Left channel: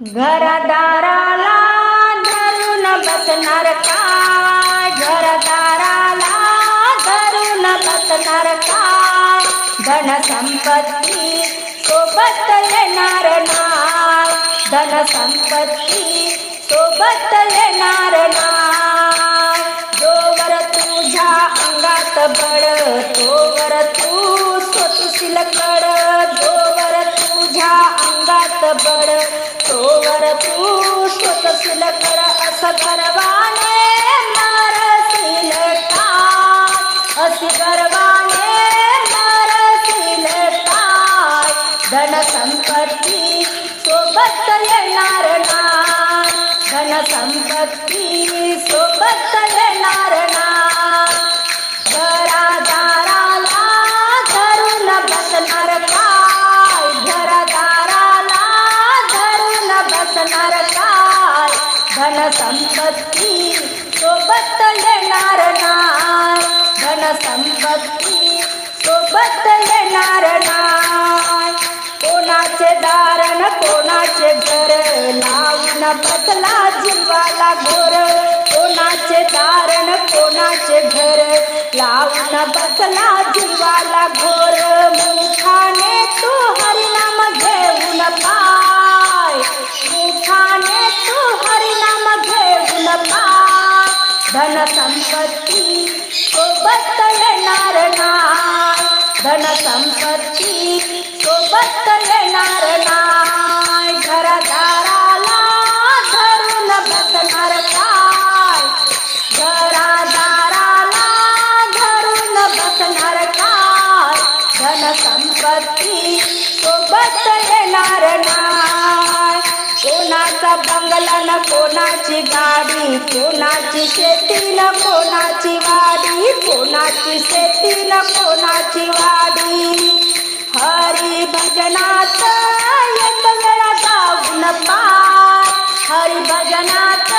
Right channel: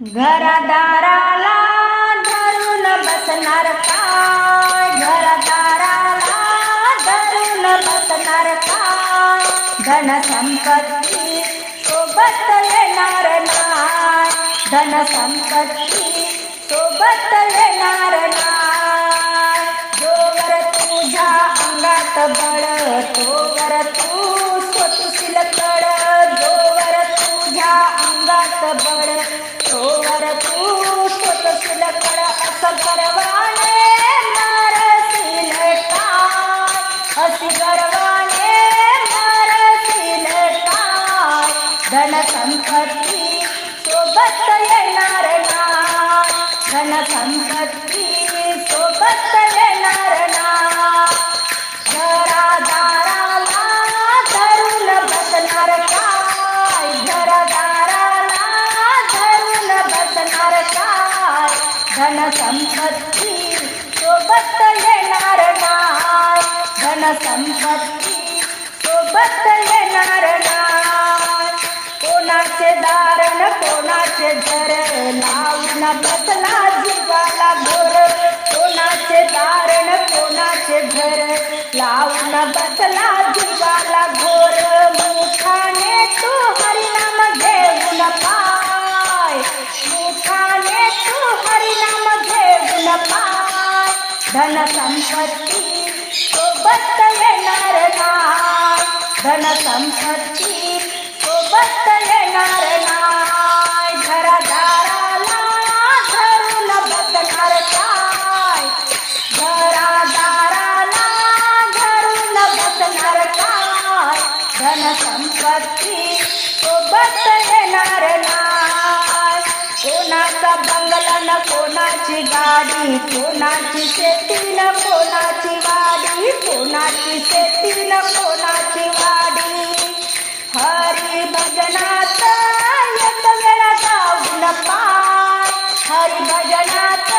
घरदाराला धरून बसणार का? घरदाराला धरून बसणार का? धन संपत्ती सोबत येणार नाय धन संपत्ती सोबत येणार नाय जोवर तुझ्या अंगात बळ तोवर तू स्वतशील कड अंगात बळ तोवर तू स्वतशील कड असं गर्वाने मारशील काय असं गर्वाने मारशील काय धन संपत्ती सोबत येणार नाय धन संपत्ती सोबत येणार धन संपत्ती सोबत येणार नाय धन संपत्ती सोबत येणार नाय कोणाचे दारण कोणाचे घर लावून बसला जीवाला घोर. कोणाचे दारण कोणाचे घर लावून बसला जीवाला घोर. मुखाने तू हरिनाम घेऊन पा धन संपत्ती सोबत येणार नाय धन संपत्ति को संपत्ती सोबत येणार नाय घरादाराला धरून बसणार काय घरादाराला धरून बसणार काय धन संपत्ती को येणार नाय कोणाचा बंगला न कोणाची गाडी कोणाची शेती न कोणाची वाडी कोणाची शेती न कोणाची वाडी हरी भजनात एक वेळा गाऊन पार। हरी भजनात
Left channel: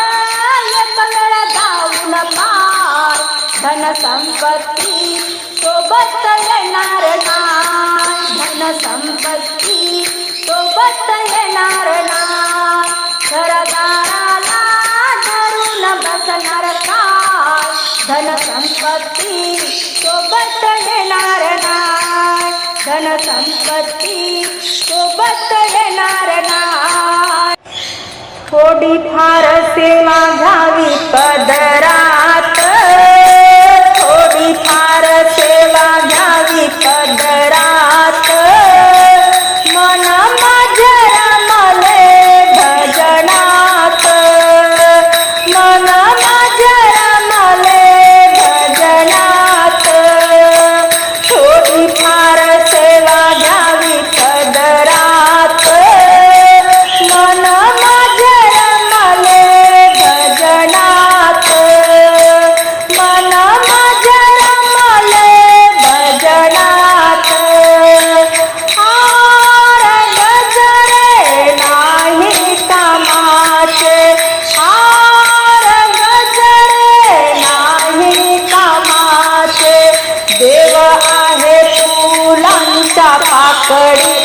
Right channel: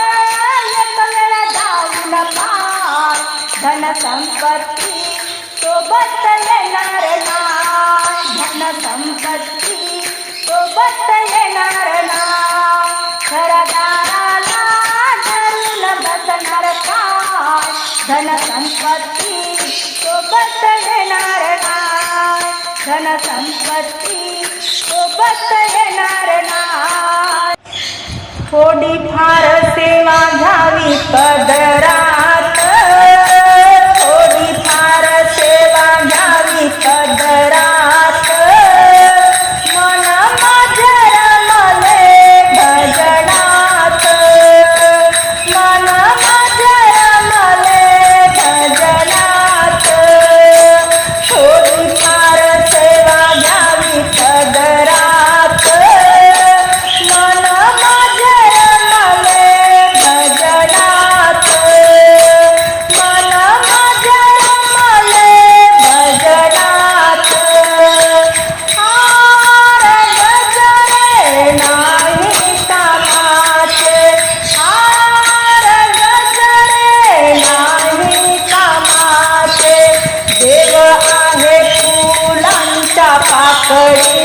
एक वेळा गाऊन पार। धन संपत्ती, सोबत येणार नाय। धन संपत्ती, सोबत येणार नाय। घरदाराला धरून बसणार काय धनसंपत्ती सोबत देणार धनसंपत्ती सोबत देणार नाही थोडी फारसे माझ्या पदरा. 在